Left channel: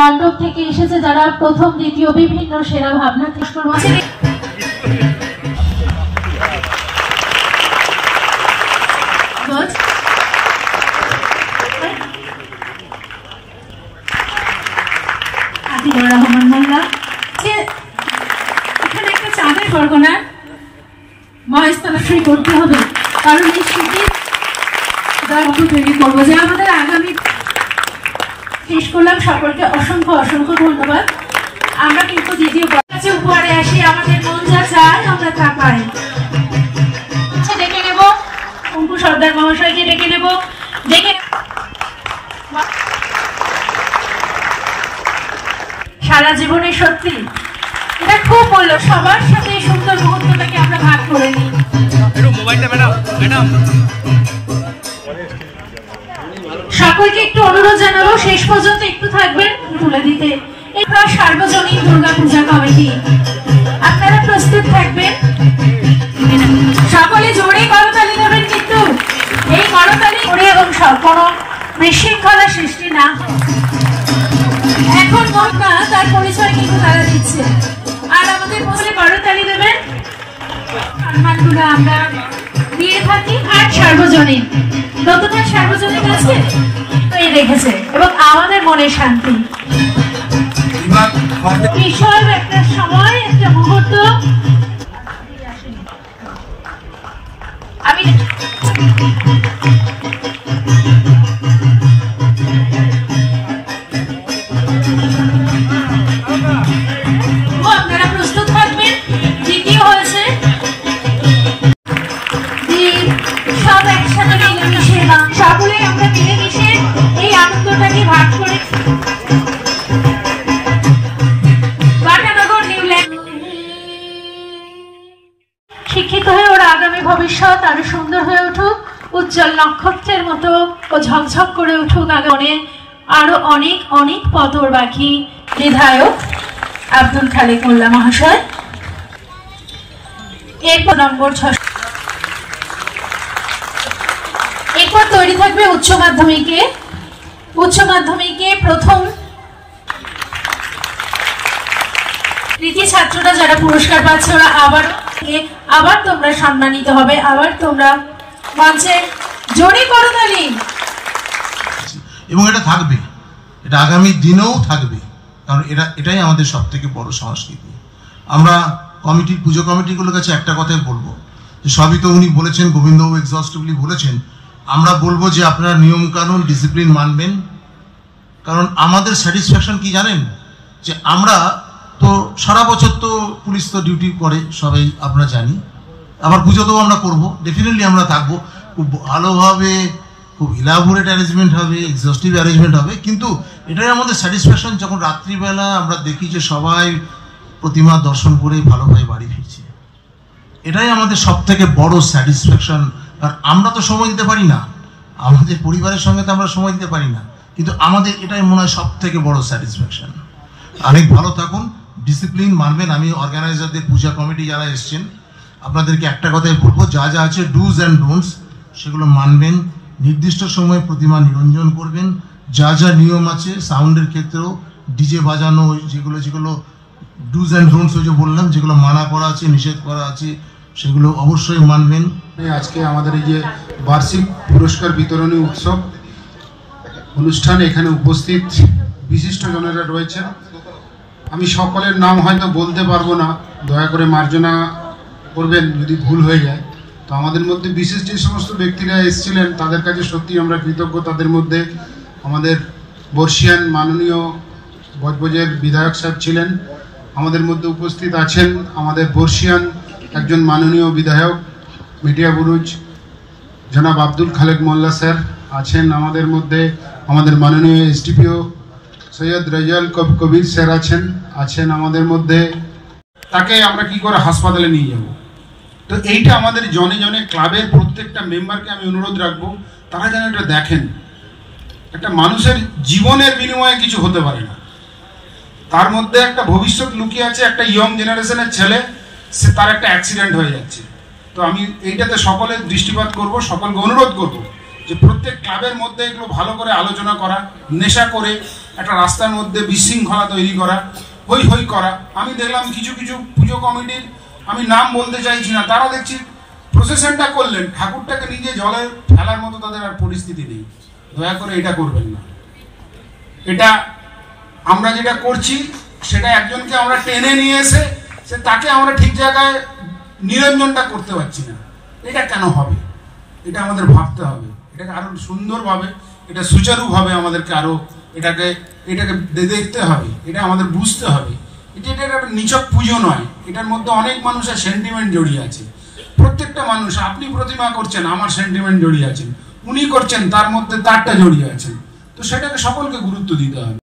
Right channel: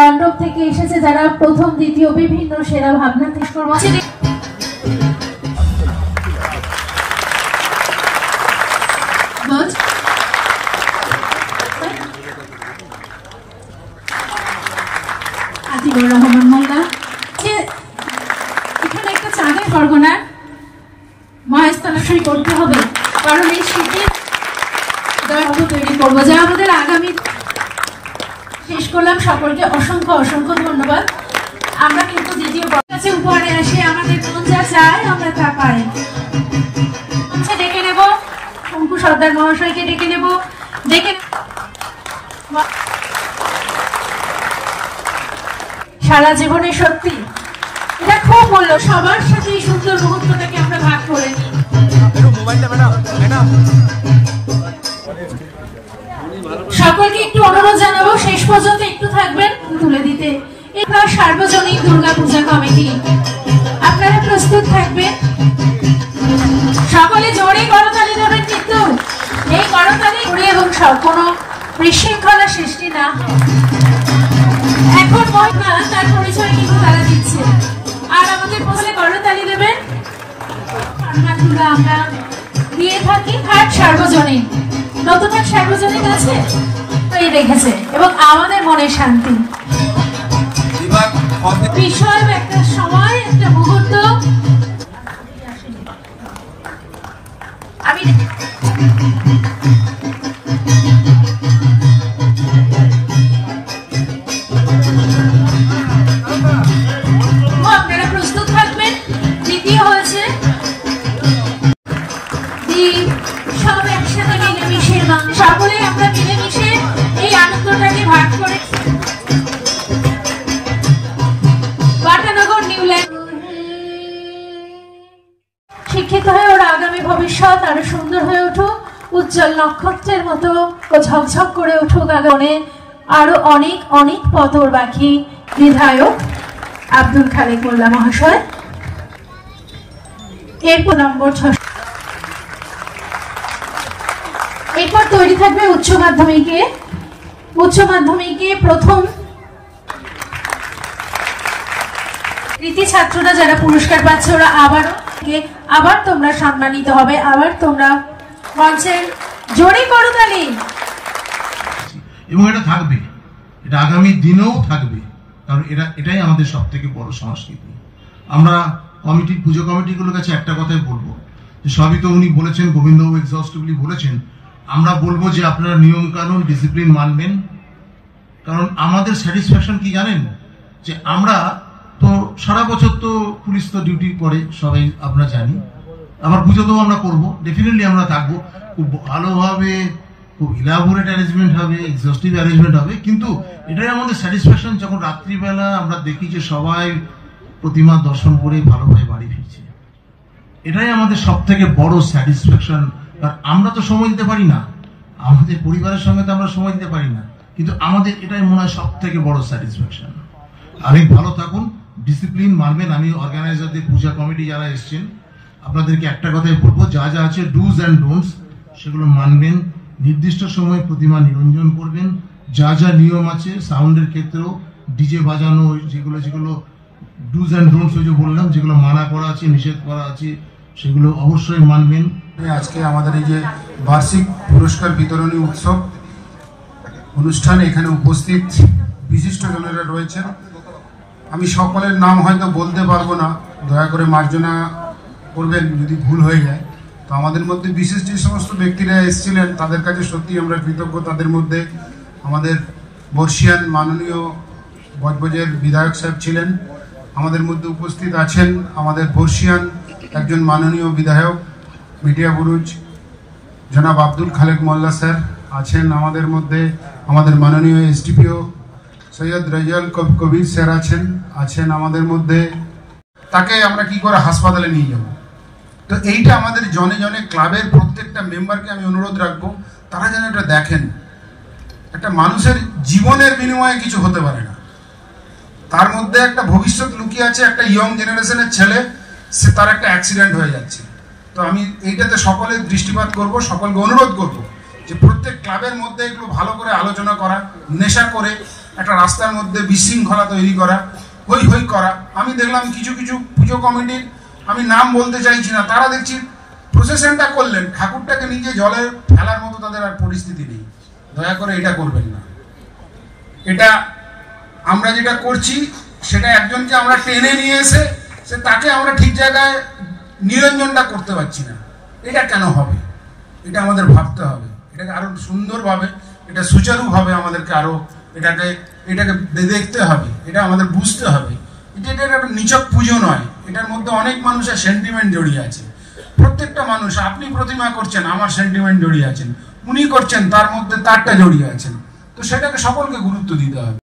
মণ্ডপ থেকে এসেছে যারা প্রথম দ্বিতীয় বিভিন্ন সেরা ভাবনা রহমান মোল্লা এখানে একটা চাঁদের বরগনা মহেশতলাশ্রী করতে হবে, কারণ এই স্মৃতির দৈর্ঘ্য তৈরি করবো যা আমাদের আগামী। শেষ করলাম, সকলকে অসংখ্য অসংখ্য ধন্যবাদ। আমরা কিন্তু দ্বিতীয় কাছে উপহারে আসি, আমাদের মন যা চায় আমরা তা পাই। ডেকে নেব অঙ্কু সর্দার মহাশয়কে, ডেকে নেব, ডেকে সারা জীবনে সত্যি এটা খুব বললো, সবার সাথে এই সুন্দর মুহূর্তটাকে আমরা ভাগ করে নিই। সকলকে একটু অনুরোধ জানাবো, শেষ পর্যন্ত একটু থাকবেন তুলে দিতে। এরপর সার্বজনীন দুর্গা পূজা কমিটি, আপনারা প্রস্তুত থাকবেন। সকলে জোরে করতালি দেবেন, কিন্তু এই করতালি করে এবং কোনো বিশৃঙ্খলা সৃষ্টি না। এখন না, তার পরিচয় কিন্তু তারা দিচ্ছে। আর আমাদের পৌঁছলে করতালি দেবেন, সম্মানগুলো আমরা দিয়ে থাকি। হাট সার্বজনীন, নতুন হাট সার্বজনীন আছে এই রেখেছে এবং আমাদের মনে শান্তি। বিশাল একটা সময়, একটা মুহূর্ত। আমি আপনারা প্রস্তুত থাকবেন। দ্বিতীয় হয়েছে সব একসাথে মিলেমিশে, সকলে আমরা মিলেমিশে এই আনন্দটাকে ভাগ করে। বাটানগর নিউল্যান্ড শিক্ষিত হয়ে ওর আগামী ভবিষ্যৎ আরো সুন্দর হয়ে উঠুক, উজ্জ্বল নক্ষত্রের মতো ও ঝকঝক করে উঠুক। আগামী আরো অনেক অনেক পথ ওর বাকি। বিধায়ক আব্দুল খালেক মোল্লা মহাশয়। এরপর নম্বর 6, এরপর তৈরি থাকবে উচ্চ মাধ্যমিকে প্রথম কৃতি ছাত্ররা যারা পুরস্কার পাচ্ছে, ওরা আবার তোমরা সম্মানিত হবে। আবার তোমরা মঞ্চের জোরে করতালি। এবং এটা থাকবে, এটা আগামী দিনেও থাকবে, কারণ এটাই আমাদের সব থেকে বড় সংস্কৃতি। আমরা পুজো কমিটিগুলোর কাছে একটা কথাই বলবো, যে সবই তো উনি বলেছেন, গোবিন্দবাবু এক্সহস্টিভলি বলেছেন। আমরা বলবো যে আপনারা নিয়ম কানুন ডিসিপ্লিন মানবেন, কারণ আমাদের স্যাটিসফ্যাকশন কি জানেন, যে আমরা তো সারা বছর তো পুলিশ তো ডিউটি করে, সবাই আমরা জানি। আবার পুজোতেও আমরা করবো, ডেফিনেটলি আমরা থাকবো, খুব ভালোভাবে, খুব ইলাবোরেট অ্যারেঞ্জমেন্ট হবে, এক্সহস্টিভ অ্যারেঞ্জমেন্ট হবে। কিন্তু এটাই আমাদের স্যাটিসফ্যাকশন যখন রাত্রিবেলা আমরা দেখি যে সবাই প্রতিমা দর্শন করে ভালোভাবে বাড়ি ফিরছে। এটাই আমাদের সব থেকে বড় স্যাটিসফ্যাকশন। আর আমরা তো সময় দিতে পারি না, আমাদের পরিবারের সঙ্গে তো আমরা সময় দিতে পারি না, কিন্তু আমাদের এটাই মনে হয় সব থেকে বড় স্যাটিসফ্যাকশন। অনেক ভালো থাকুন, ডিসিপ্লিন মানবেন। আমি অর্গানাইজারদের, পূজা কমিটি যারা এসছেন, আপনাদেরকে একটা কথাই বলবো, যা যা আছে ডুজ অ্যান্ড ডোন্টস সেগুলো মানবেন। নির্দিষ্ট সময়ে প্রতিমা নিরঞ্জন করবেন। যা যা নিয়ম আছে সাউন্ডের ক্ষেত্রেও, ডিজে বাজানো, যেগুলো ডুজ অ্যান্ড ডোন্টস যে বললাম, যেগুলো মানা করা আছে, নিষেধ করা আছে, সেগুলো অবশ্যই মানবেন। আজকে আমাদের এই যে বার্ষিক পুরস্কার বিতরণী উৎসব অনুষ্ঠানে এখানে উপস্থিত বিশিষ্টজনেরা রয়েছেন। আমি সকলের নাম হয়তো বলতে পারবো না, দয়া করে মার্জনা করবেন যদি ভুল হয়ে যায়। তো আমাদের মধ্যে বিশেষ যে সমস্ত ব্যক্তিরা এসেছিলেন তাদের কাছে সত্যি আমরা কৃতজ্ঞ। তাদের মধ্যে আমাদের বর্ষিয়ান মাননীয় বজবজের বিধায়ক সাহেব ছিলেন, আমাদের মধ্যে উপস্থিত আছেন আমাদের বর্ষিয়ান একজন মাননীয় বিধায়ক মিডিয়া বুরুজ জনাব আব্দুল খালেক মোল্লা স্যার আছেন আমাদের মধ্যে, আমাদের মাননীয় এসডিপিও সৈয়দ রেজাল কবির স্যার আছেন আমাদের মধ্যে। তাকে আমরা কি করে হাসপাতালে নিয়ে যাব? তো এইটা আমাদের জনে জনে ক্লাবের প্রত্যেকটা মেম্বারকে আমি অনুরোধ রাখবো, তারা যেন এটা দেখেন। একটা মানুষের জীবনের বিনিময়ে কিছু হতে পারে না, তার মধ্যে একটা ভবিষ্যৎ লুকিয়ে আছে। একটা ইয়ং জেনারেশনের ছেলে, সে তার একটা অ্যাক্সিডেন্ট হয়ে যাচ্ছে। তো আমি এইটাতে সকলের দৃষ্টিপাত করব, সকলকে অনুরোধ করব যে প্রত্যেক ক্লাবের মধ্যে এগুলো ভালো করে আলোচনা করা। নেশা করে একটা রাস্তার মধ্যে বিশৃঙ্খলা তৈরি করা, হই হই করা। আমি দেখলাম কিছু কিছু পুজো কমিটির, আমি নাম বলতে চাইছি না, তারা দেখছি প্রসেশনটা করলেন, ঠাকুরটাকে নিজে জলে ফেলার মতো তাদের আর পরিস্থিতি নেই। দয়া করে এটা করবেন না। এটা আমরা যেটা করছি সেটা একজনকে আমরা টেনে নিয়ে এসে তাকে আমরা ঠিক জায়গায় নিরঞ্জনটা করতে পারছি না। এটা কেন হবে? এটা আমাদের ভাবতে হবে, এটাকে আরো সুন্দরভাবে, এটা সুচারুভাবে আমাদেরকে আরো এটাকে দেখতে হবে, এটা আমাদের বুঝতে হবে। এটা একটা নিছক পুজো নয়, এটার মধ্যে অনেক মানুষের সেন্টিমেন্ট জড়িয়ে আছে। প্রত্যেকটা মানুষ, আপনি প্রতিমা করছেন, আমার সেন্টিমেন্ট জড়িয়ে আছেন, উনি করছেন, তার মধ্যে তারটা জড়িয়ে আছেন। তো সেটাকে সকলকে গুরুত্ব দিতে হবে।